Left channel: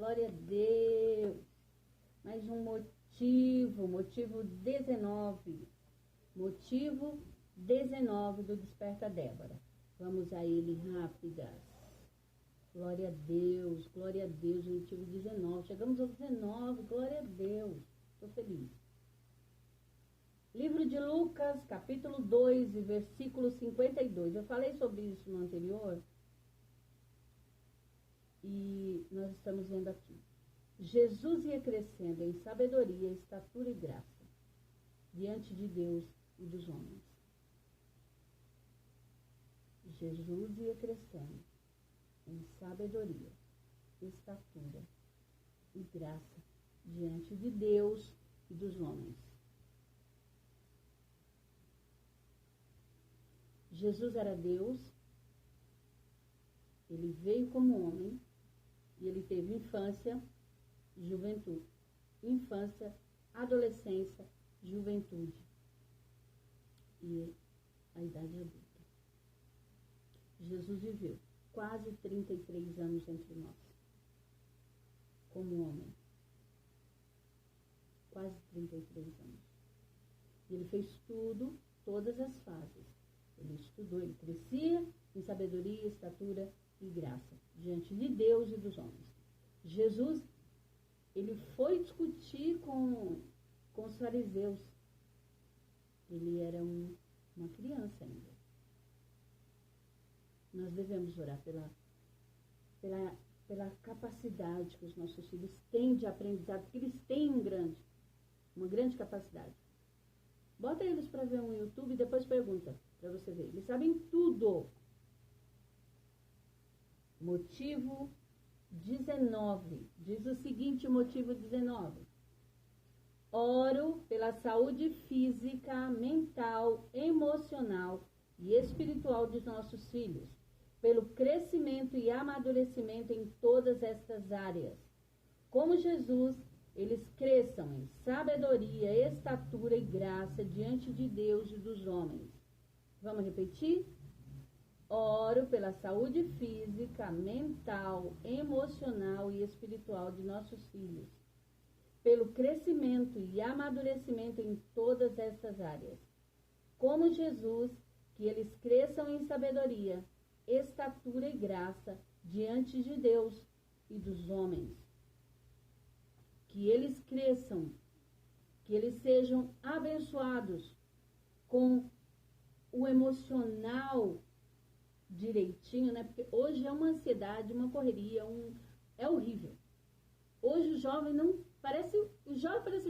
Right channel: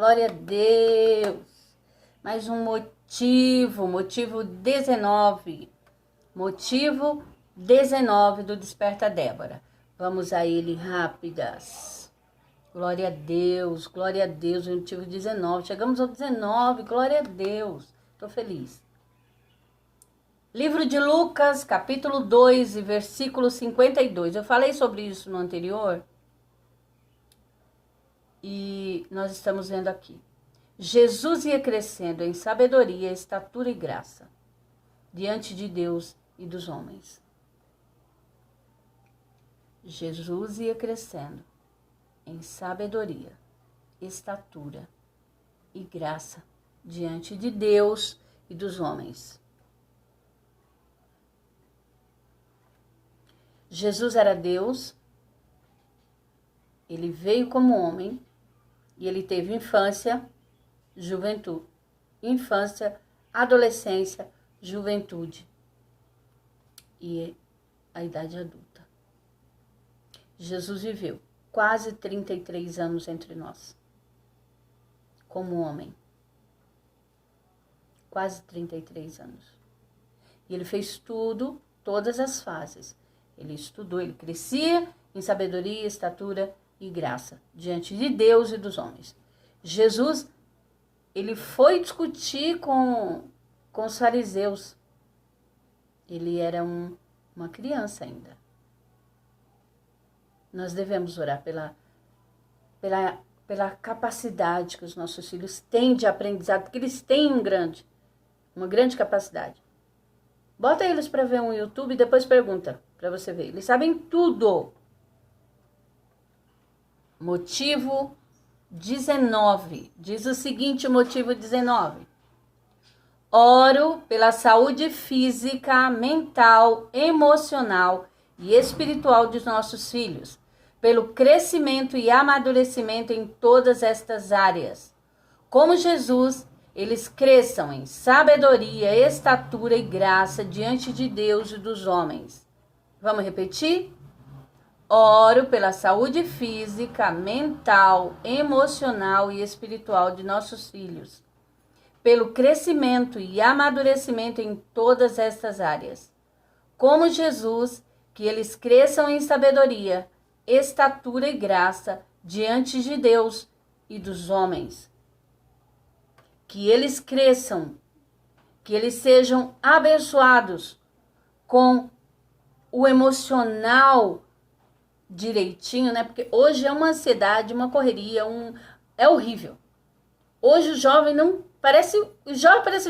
Glória a Deus. Mais um motivo 19. Motivo 19 do Desperta Débora. Vamos a ele rápidas. Glória a Deus, motivo 19. Chegamos ao 19, glória a Deus. Estou feliz. Livro de Lucas, capítulo 2, versículo 52. Eu falei sobre isso no anterior. E nós estamos vendo aqui. Jesus ia crescendo em sabedoria, estatura e graça, diante de Deus e dos homens. Jesus ia crescendo em sabedoria, estatura e graça, diante de Deus e dos homens. Jesus era Deus, ele veio como homem e ele teve infância, juventude, adolescência, juventude e a idade adulta. Jesus viveu quase 33 anos entre nós, como homem. Quase 33 anos. E ele fez tudo, todas as fases. Ele estudou, ele crescia em sabedoria, estatura e graça, diante de Deus e dos homens. Jesus, ele foi discutir com os fariseus. Ele era uma criança ainda. Nós devemos orar pela capacidade que os nossos filhos têm de aprendizado, porque eles têm uma grande capacidade. Bota eles para ver um YouTube e depois pergunta para você ver. Eles sabem tudo. Motivo 19. Diz o seguinte, motivo 19. Oro pela saúde física, mental, emocional e espiritual dos nossos filhos, pelo crescimento e amadurecimento em todas estas áreas. Como Jesus, eles cresçam em sabedoria, estatura e graça diante de Deus e dos homens. Vamos repetir? Oro pela saúde física, mental, emocional e espiritual de nossos filhos, pelo crescimento e amadurecimento em todas estas áreas. Como Jesus, que eles cresçam em sabedoria, estatura e graça diante de Deus e dos homens. Que eles cresçam, que eles sejam abençoados com o emocional direitinho, né? Porque hoje é uma ansiedade, uma correria, é horrível. Hoje o jovem parece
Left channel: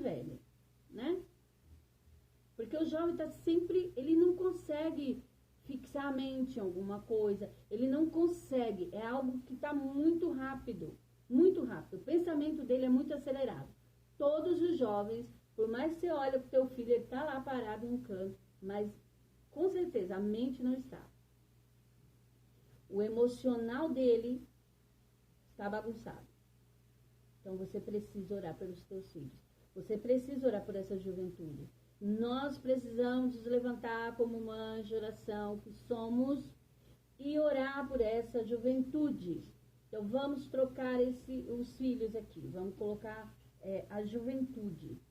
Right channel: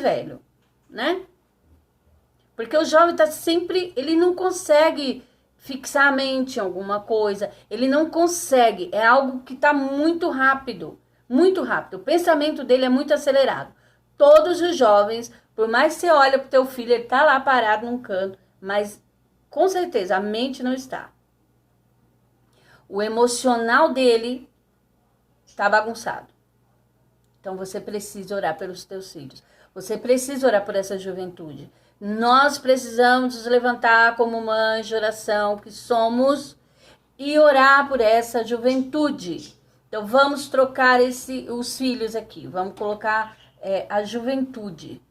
velho, né? Porque o jovem tá sempre, ele não consegue fixar a mente em alguma coisa, ele não consegue, é algo que tá muito rápido, o pensamento dele é muito acelerado. Todos os jovens, por mais que você olha pro teu filho, ele tá lá parado num canto, mas com certeza a mente não está. O emocional dele tá bagunçado. Então você precisa orar pelos teus filhos. Você precisa orar por essa juventude. Nós precisamos nos levantar como mães de oração que somos e orar por essa juventude. Então vamos trocar os filhos aqui. Vamos colocar a juventude.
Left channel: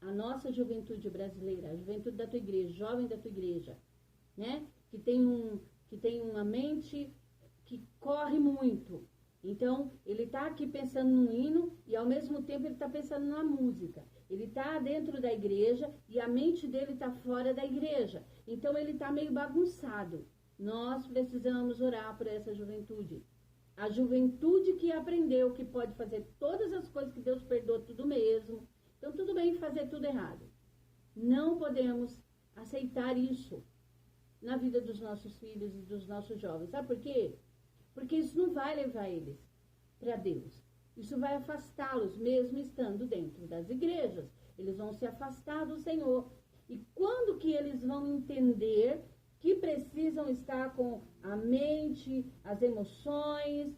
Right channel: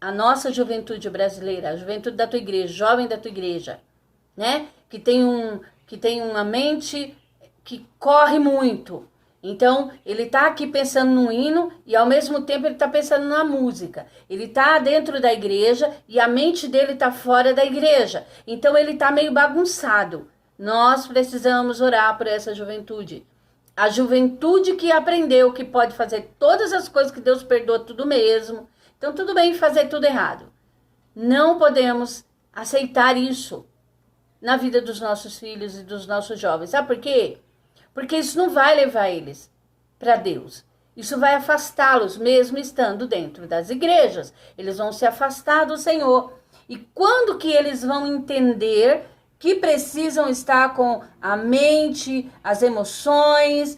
A nossa juventude brasileira, a juventude da tua igreja, jovem da tua igreja, né? Que tem uma mente que corre muito. Então, ele tá aqui pensando no hino e ao mesmo tempo ele tá pensando na música. Ele tá dentro da igreja e a mente dele tá fora da igreja. Então, ele tá meio bagunçado. Nós precisamos orar por essa juventude. A juventude que aprendeu que pode fazer todas as coisas que Deus perdoa tudo mesmo. Então, tudo bem fazer tudo errado. Não podemos aceitar isso na vida dos nossos filhos e dos nossos jovens. Sabe por quê? Porque isso não vai levar eles para Deus. Isso vai afastá-los, mesmo estando dentro das igrejas. Eles vão se afastar do Senhor. E quando que eles vão entender que precisam estar com a mente, as emoções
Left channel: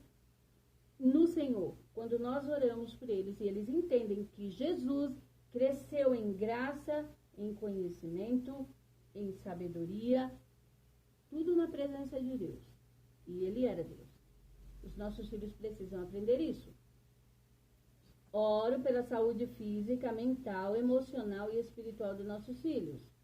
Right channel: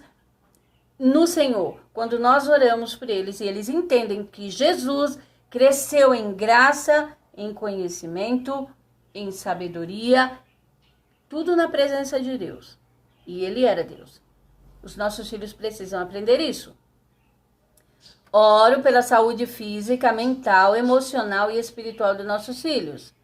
no Senhor? Quando nós oramos por eles e eles entendem que Jesus cresceu em graça, em conhecimento, em sabedoria, tudo na presença de Deus. E ele era Deus. Os nossos filhos precisam aprender isso. Oro pela saúde física, mental, emocional e espiritual dos nossos filhos.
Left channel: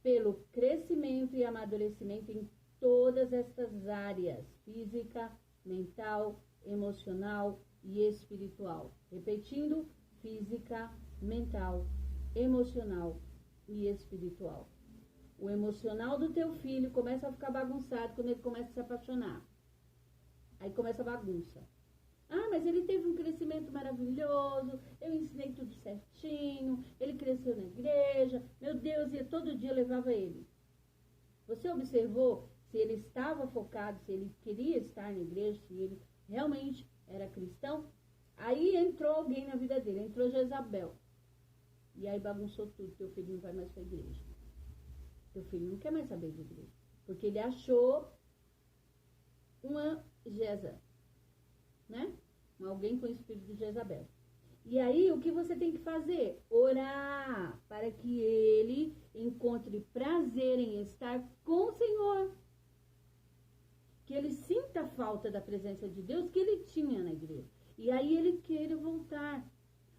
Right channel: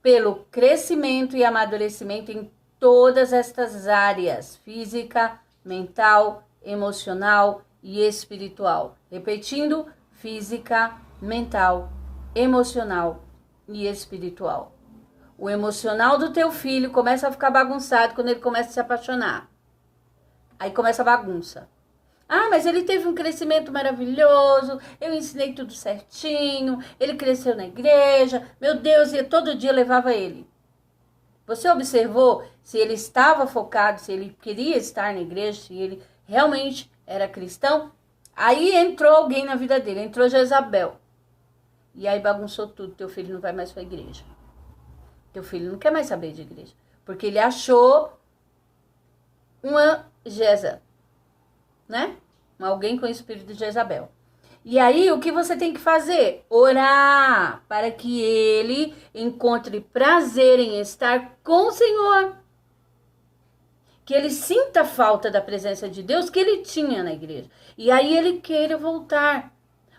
Pelo crescimento e amadurecimento em todas estas áreas, física, mental, emocional e espiritual. Repetindo, física, mental, emocional e espiritual. O emocional do teu filho começa a ficar bagunçado quando ele começa a se apaixonar. Aí começa a bagunça. Ah, mas ele teve um crescimento maravilhoso, eu ensinei tudo certinho, ele cresceu na igreja, meu Deus, e todo dia levava ele. Você observou se ele estava focado, se ele queria estar na igreja, se ele realmente era cristão? Aí entrou alguém na vida dele, entrou Jezabel. E aí bagunçou tudo, teu filho não vai mais para a igreja. Teu filho não quer mais saber de igreja, porque ele achou uma Jeza, né? Alguém com o espírito de Jezabel. E aí, o que você tem que fazer? Orar para que ele encontre prazer em estar com o Senhor. Que ele sinta falta da presença de Deus que ele tinha na igreja. E aí ele queira voltar.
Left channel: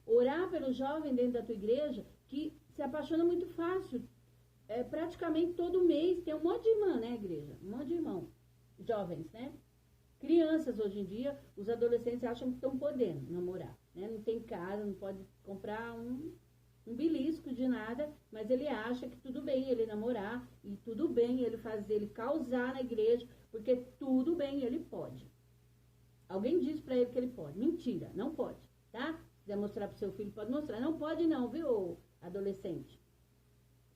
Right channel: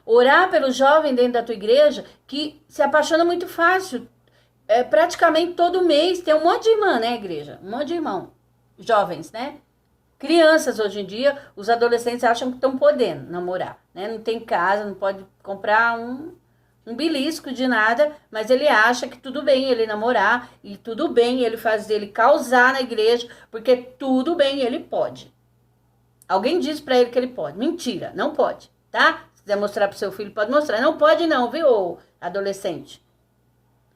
Orar pelo jovem dentro da tua igreja que se apaixona muito fácil. Praticamente todo mês tem um monte de irmã, né, igreja? Um monte de irmão. Jovens, né? Crianças hoje em dia, os adolescentes acham que estão podendo namorar, né? Não tem casa, não pode comprar um belisco de nada, mas ele acha que tudo bem ele namorar e tudo bem ele fazer ele causar na igreja, porque tudo bem ele pode. Alguém diz pra ele que ele pode. Mentira, não pode, tá? Se quiser mostrar pro seu filho, pode mostrar. Não pode não, viu, adolescente?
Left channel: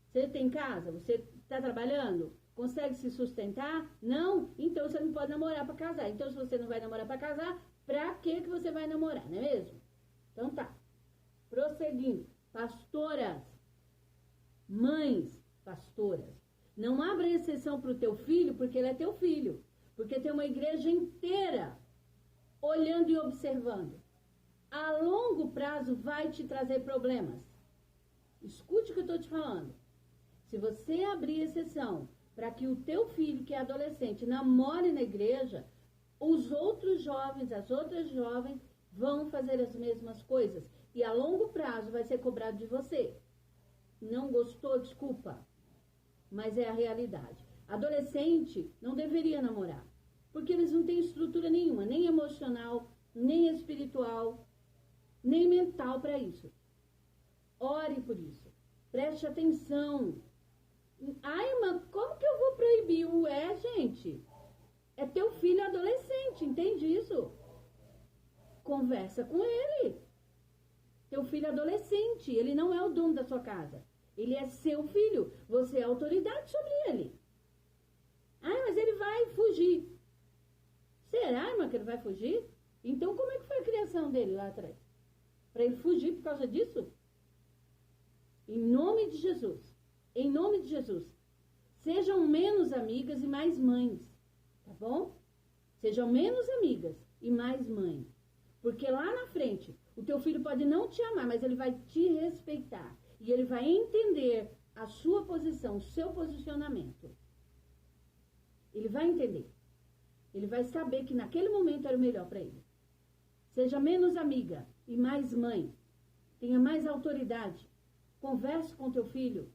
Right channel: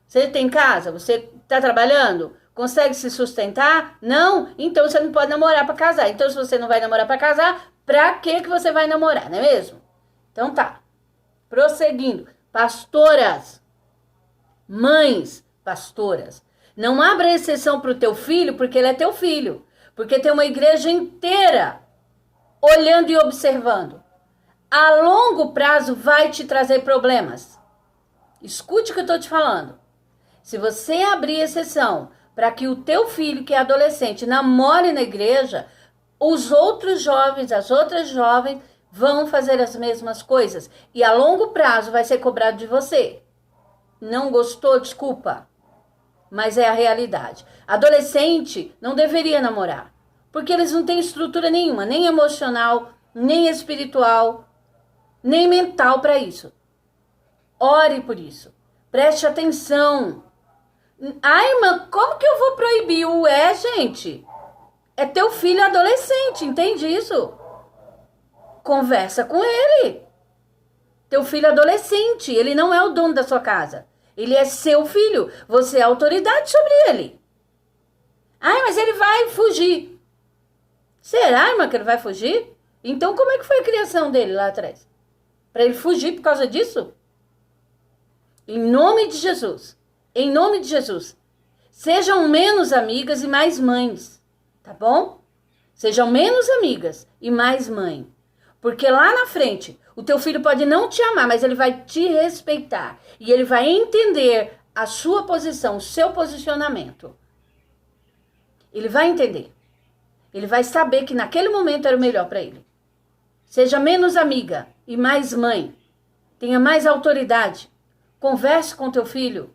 Você tem casa? Você tá trabalhando? Consegue se sustentar? Não? Então você não pode namorar para casar. Então se você não vai namorar para casar, pra que você vai namorar, não é mesmo? Então tá. Prosseguindo. Pastoras, mães pastoras, não abra exceção pro teu filho porque ele é teu filho. Porque tem uma igreja inteira olhando e observando. A longo prazo vai te trazer problemas. Escute o que eu tô te falando. Se você abrir exceção para que o teu filho, que é adolescente, namore na igreja, os outros jovens, as outras jovens, vão fazer as mesmas coisas. E a longo prazo vai ser cobrado de você. Não gostou? Desculpa. Mas é a realidade. Adolescente não deveria namorar. Porque eles não têm estrutura nenhuma, nem emocional, nem espiritual, nem mental para isso. Ore por isso. Preste atenção. Ai, irmã, como que eu vou proibir? Gente, é teu filho adolescente, entende isso? Conversa com ele. Teu filho adolescente, ele não é o dono da sua casa. Ele é seu filho, você é autoridade sobre ele. Ai, mas ele vai fugir. Será, irmã, que ele vai fugir? Então como é que foi a criação dele lá atrás? Para ele fugir por causa disso? Em nome de Jesus. Em nome de Jesus, sejam menos amigas e mais mães, tá bom? Sejam menos amigas e mais mãe. Porque lá na frente, o teu filho pode não te amar, mas ele vai te respeitar. E ele vai entender a sua posição, o seu posicionamento. Ele vai entender. Ele vai saber que naquele momento era o melhor para ele. Seja menos amiga e mais mãe. Tenha mais autoridade. Converse com teu filho.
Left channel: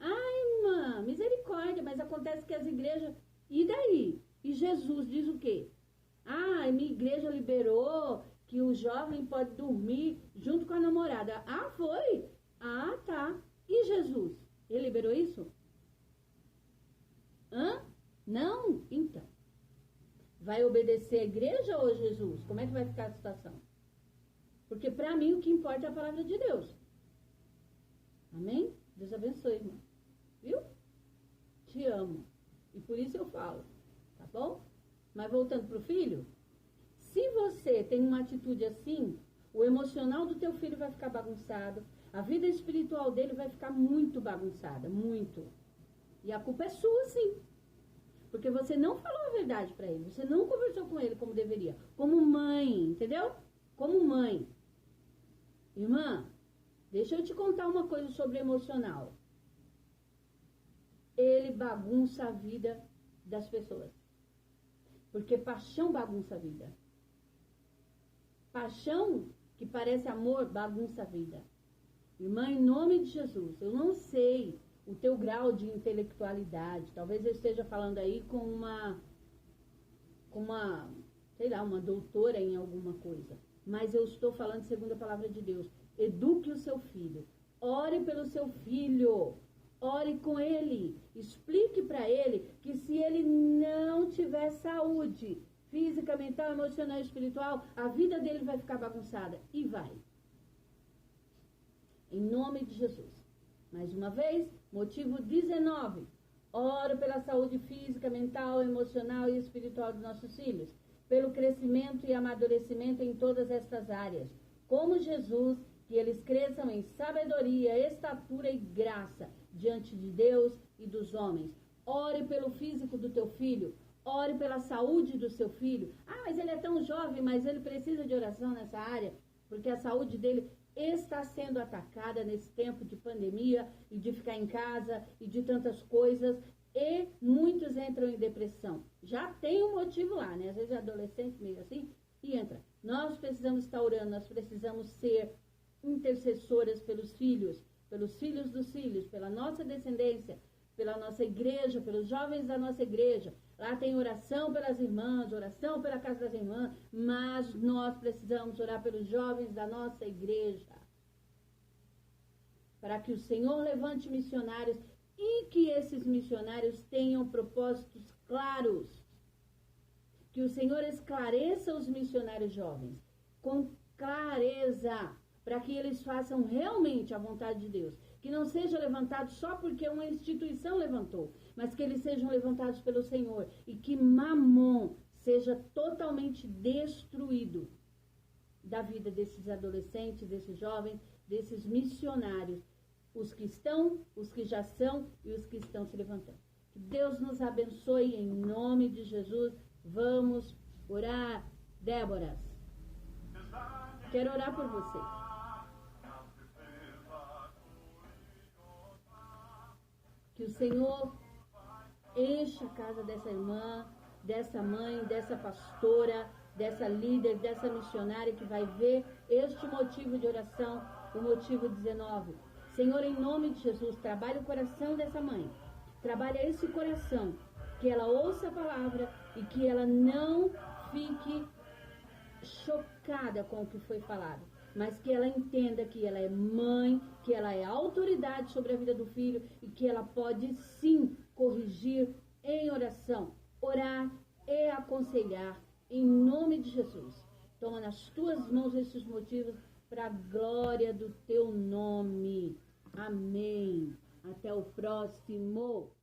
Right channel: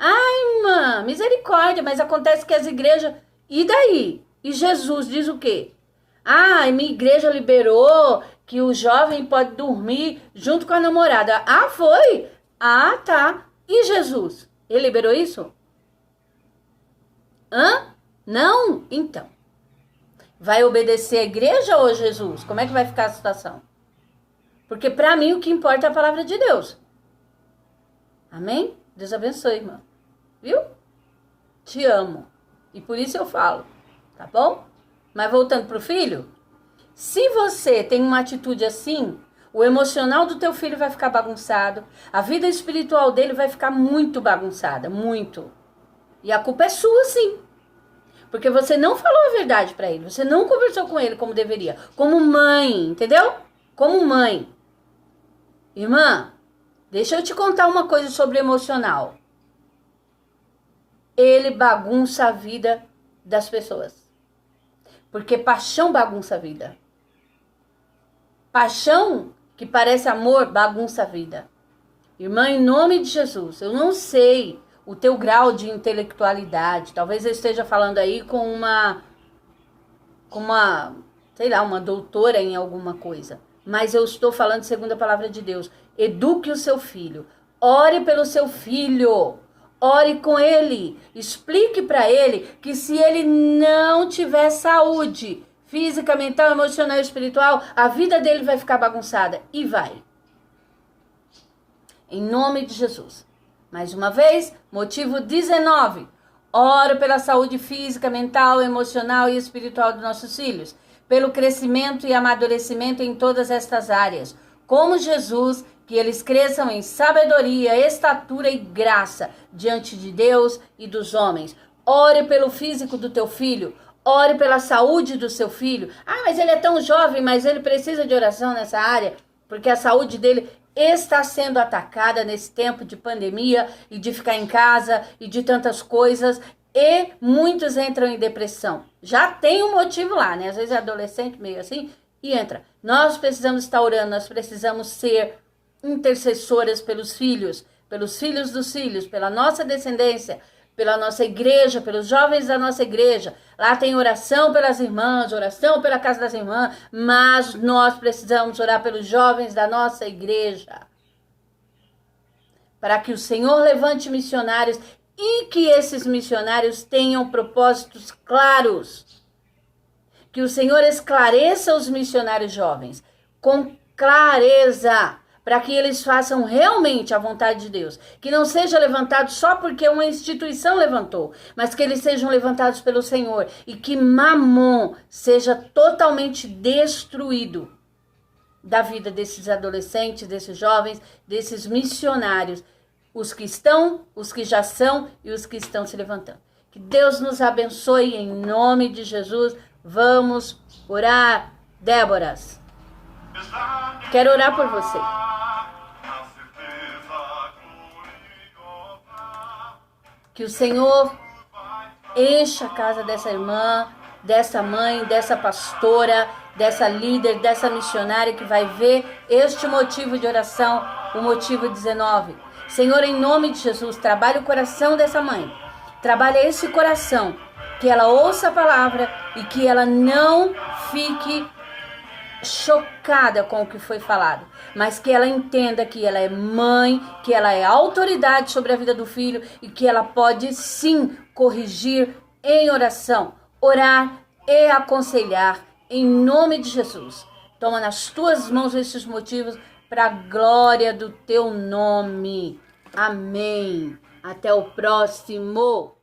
Ai, irmã, misericórdia, mas acontece que as igrejas... E daí? E Jesus diz o quê? Ah, minha igreja liberou que o jovem pode dormir junto com a namorada. Ah, foi? Ah, tá. E Jesus? Ele liberou isso? Hã? Não? Então. Vai obedecer a igreja ou Jesus? Como é que vai ficar a situação? Porque para mim o que importa é a palavra de Deus. Amém? Deus abençoe, irmã. Viu? Te amo. E por isso eu falo. Tá bom? Mas voltando pro filho. Se você tem uma atitude assim, o emocional do teu filho vai ficar bagunçado. A vida espiritual dele vai ficar muito bagunçada. Muito. E a culpa é sua, sim. Porque você não falou a verdade pra ele. Você não conversou com ele como deveria. Como mãe, entendeu? Como mãe. Irmã, deixa eu te contar uma coisa sobre emocional. Ele bagunça a vida das pessoas. Porque paixão bagunça a vida. Paixão que parece amor, bagunça a vida. Irmã, em nome de Jesus, eu não sei o teu grau de intelectualidade. Talvez eu esteja falando aí com uma, sei lá, uma doutora em alguma coisa. Mas eu estou falando segundo a palavra de Deus. Eduque o seu filho. Ore pelo seu filho. Ore com ele. Explique para ele que se ele não tiver saúde física, mental, emocional e espiritual, a vida dele vai ficar bagunçada. E vai. Em nome de Jesus. Mais uma vez, motivo 19. Oro pela saúde física, mental, emocional e espiritual dos nossos filhos. Pelo crescimento e amadurecimento em todas estas áreas. Como Jesus, que eles cresçam em sabedoria, estatura e graça diante de Deus e dos homens. Ore pelo físico do teu filho. Ore pela saúde do seu filho. Ah, mas ele é tão jovem, mas ele precisa de oração nessa área, porque a saúde dele está sendo atacada nesse tempo de pandemia e de ficar em casa e de tantas coisas. E muitos entram em depressão. Já tem um motivo lá, né? Às vezes é adolescente, meio assim, e entra. Nós precisamos estar orando, nós precisamos ser intercessoras pelos filhos dos filhos, pela nossa descendência, pela nossa igreja, pelos jovens da nossa igreja. Lá tem oração pelas irmãs, oração pela casa das irmãs, mas nós precisamos orar pelos jovens da nossa igreja. Para que o Senhor levante missionários e que esses missionários tenham propósitos claros. Que o Senhor esclareça os missionários jovens com clareza, para que eles façam realmente a vontade de Deus. Que não seja levantado só porque uma instituição levantou, mas que eles sejam levantados pelo Senhor e que Mamon seja totalmente destruído da vida desses adolescentes, desses jovens, desses missionários, os que estão, os que já são e os que estão se levantando. Que Deus nos abençoe em nome de Jesus. Vamos orar, Déboras. Quero orar por você. Que o Senhor encha a casa dessa irmã, dessa mãe, dessa pastora, dessa líder, dessa missionária que vai ver este motivo de oração, o motivo 19. Senhor, em nome de Jesus, trabalhe o coração dessa mãe. Trabalhe esse coração, que ela ouça a palavra e que ela não fique chocada com o que foi falado, mas que ela entenda que ela é mãe, que ela é autoridade sobre a vida do filho e que ela pode sim corrigir em oração, orar e aconselhar em nome de Jesus. Toma nas tuas mãos esses motivos para a glória do teu nome. Amém. Até o próximo.